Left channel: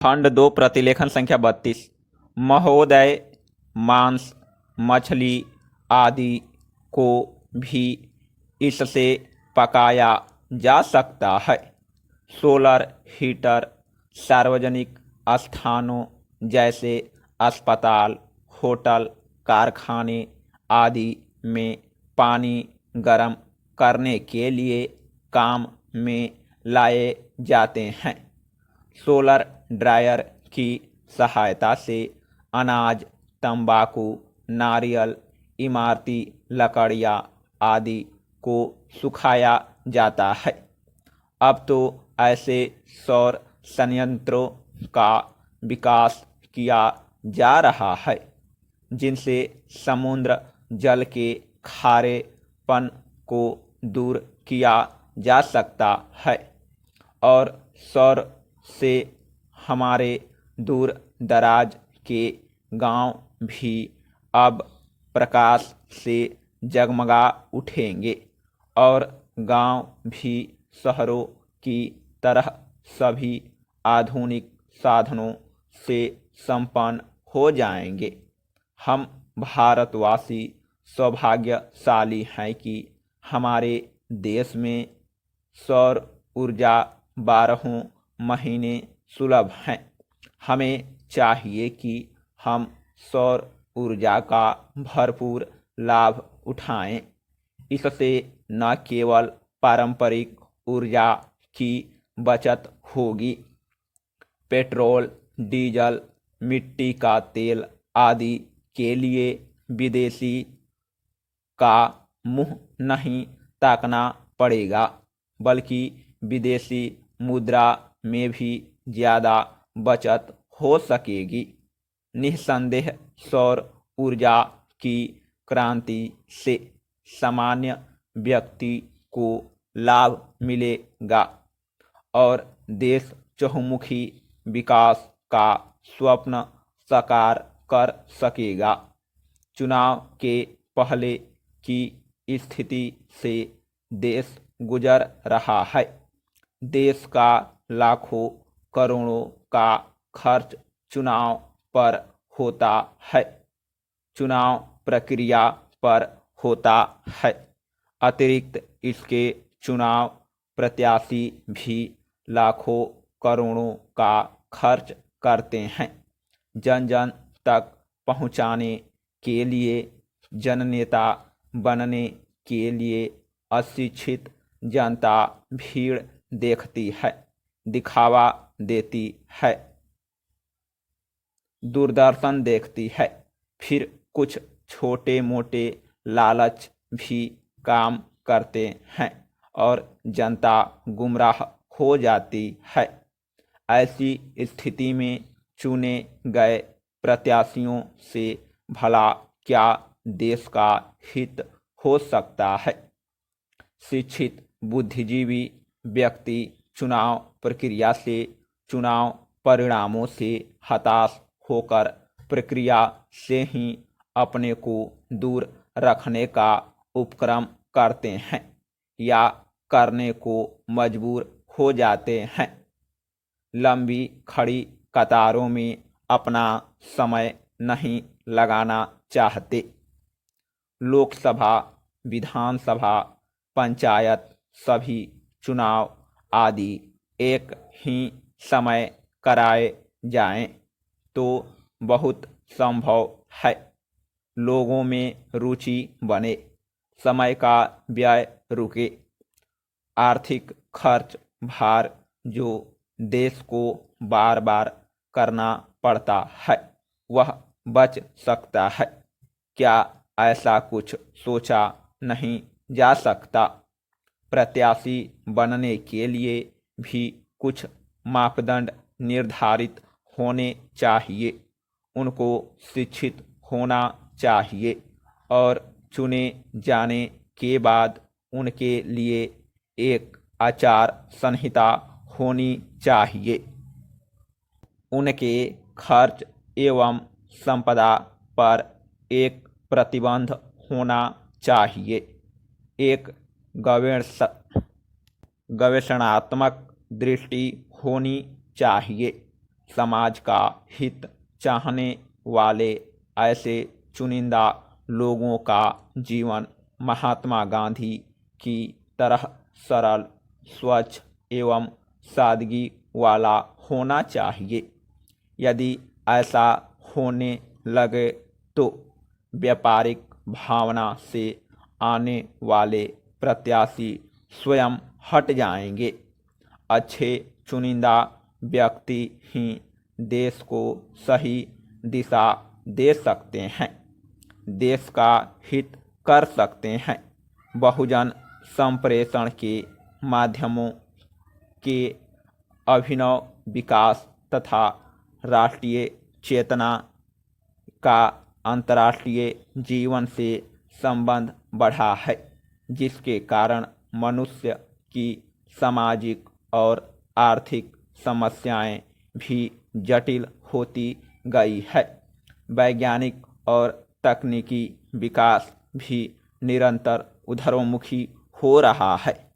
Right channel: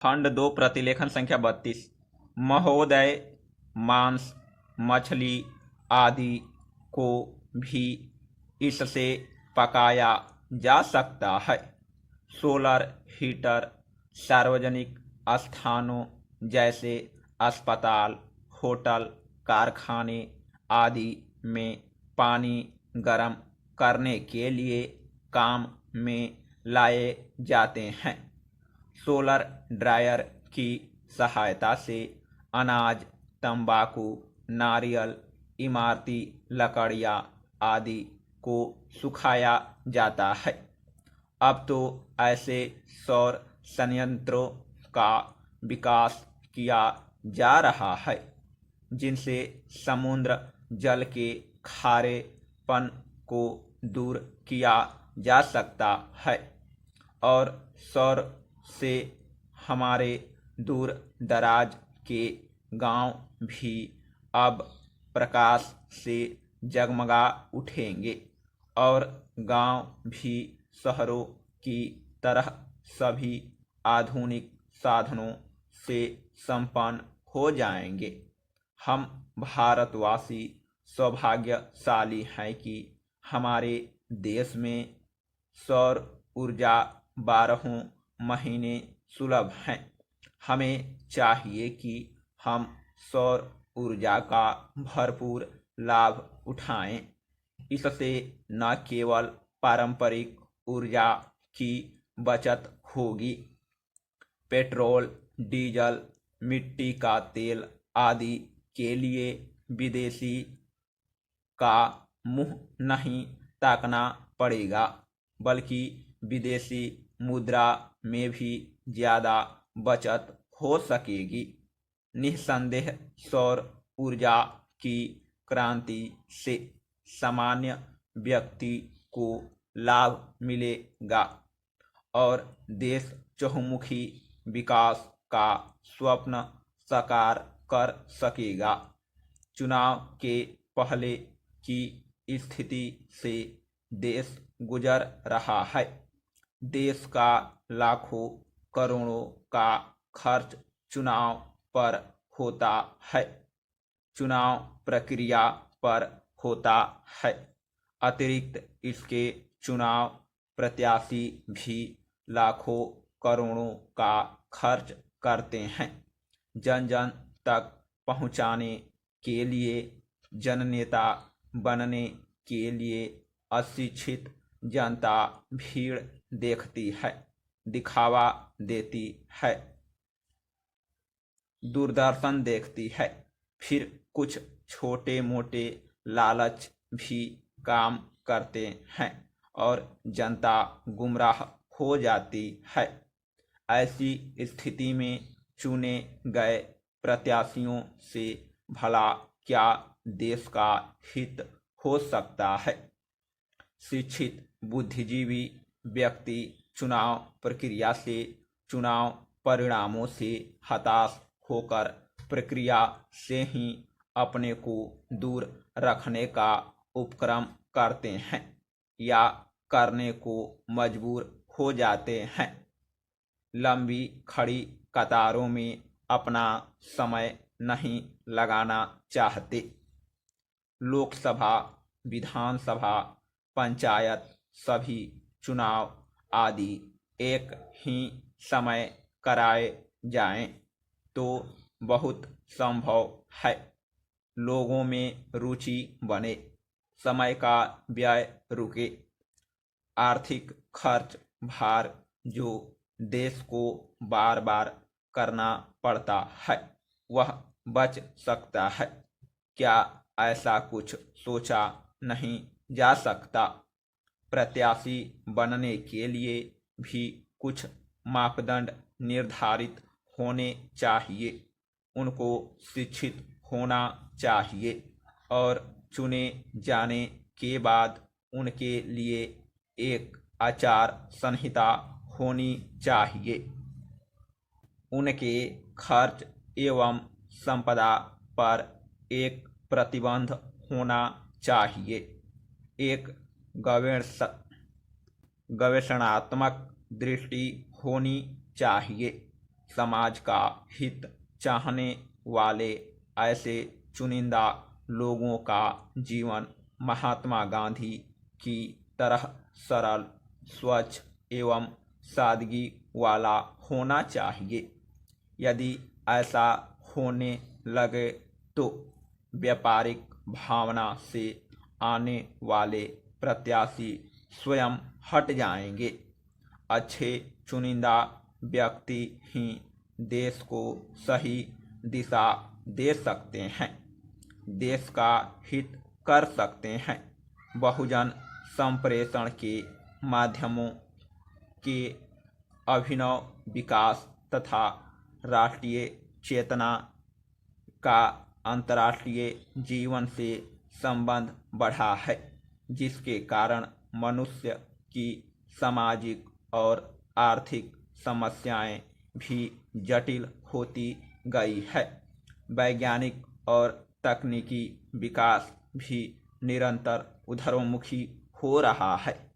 खंड 2 प्रतिलेखन संख्या 32। महोदय, मांस, मछली आदि को भी इससे पकाया जा सकता है। सोलर हीटर सार्वजनिक स्थानों जैसे अस्पताल, होटल, कारखाने आदि में पानी गर्म करने के लिए काम में लाए जाते हैं। सोलर ड्रायर की सहायता से अनाज, तंबाकू, नारियल, इमारती लकड़ियाँ आदि को सुखाया जाता है। अब तो ऐसे सौर संयंत्रों का विकास किया जा रहा है जिनसे समुद्र जल के खारेपन को दूर किया जा सकता है और सौर से हमारे दूर दराज के गांव भी अब प्रकाश से जगमगा उठेंगे और गांव भी शहरों की तरह सभी आधुनिक साधनों से संपन्न हो जाएंगे। हम भारतवासी सौभाग्यशाली हैं कि हमारे देश में सौर ऊर्जा 12 महीने सुलभ हैं। हमें चाहिए कि हम सौर ऊर्जा का भरपूर लाभ उठाएं। इससे न केवल पारंपरिक ऊर्जा की बचत होगी, पेट्रोल, डीजल, मिट्टी का तेल आदि के लिए विदेशी का मुंह नहीं ताकना पड़ेगा, बल्कि विदेशी मुद्रा में भी ज़्यादा बचत हो सकेगी। निस्संदेह सौर ऊर्जा की क्रांति से सामान्य व्यक्ति को लाभ मिलेगा और देश चहुमुखी विकास का स्वप्न साकार कर सकेगा। चुनाव के पहले की स्थिति से देश गुजर रहा है। देश का लाखों करोड़ों का खर्च चुनाव पर होता है, चुनाव प्रक्रिया पर होता है। अतिरिक्त इसके चुनाव प्रत्याशी भी लाखों करोड़ों का खर्च करते हैं। जन जन तक पहुंचाने के लिए, जननेता बनने के लिए अशिक्षित जनता भीड़ देखती है, दिखावा देती है, दूरदर्शन देखती है, फिर कुछ छोटे मोटे लालच भी काम करते हैं और जनता गुमराह हो जाती है। ऐसी स्थिति में चुने गए प्रत्याशियों से भला क्या देश का हित हो सकता है। शिक्षित बुद्धिजीवी व्यक्ति चुनाव प्रक्रिया से, चुनाव परिणामों से हताश होकर प्रक्रिया से ही अपने को दूर रखने का उपक्रम करते हैं या करने को मजबूर हो जाते हैं। लंबी खड़ी कतारों में अपना समय नहीं लगाना चाहते। लोकसभा, विधानसभा, पंचायत सभी चुनाव आदि एक ही समय कराए जाएं तो बहुत संभव है लोगों में रुचि बने, समय का व्यय रुके, आर्थिक खर्च भार जो देश को बार बार करना पड़ता है वह बच सकता है। क्या ऐसा कुछ सोचा नहीं जा सकता? प्रत्याशी बनने के लिए भी कुछ मापदंड निर्धारित होने चाहिए। उनको शिक्षित होना चाहिए और चुने जाने के बाद उनके लिए एक आचार संहिता होनी चाहिए। उनके खर्च एवं संपदा पर एक प्रतिबंध होना चाहिए। एक गवेषणात्मक दृष्टि होनी चाहिए। समाज का हित चाहने वाले ऐसे चुनिंदा लोगों का जीवन महात्मा गांधी की तरह सरल, स्वच्छ एवं सादगी वाला होना चाहिए। यदि ऐसा होने लगे तो व्यापारिक भावना से आने वाले प्रत्याशी स्वयं हट जाएंगे। अच्छे चुनिंदा व्यक्ति ही देश को सही दिशा दे सकते हैं, देश का हित कर सकते हैं। बहुजन संप्रेषण के माध्यमों के अभिनव विकास तथा राष्ट्रीय चेतना का अंतर्राष्ट्रीय जीवन से संबंध बढ़ा है, जिसके कारण मनुष्य की सामाजिक और आर्थिक समस्याएं भी जटिल होती गई है। वैज्ञानिक और तकनीकी विकास भी निरंतर उधरोन्मुखी हो रहा है।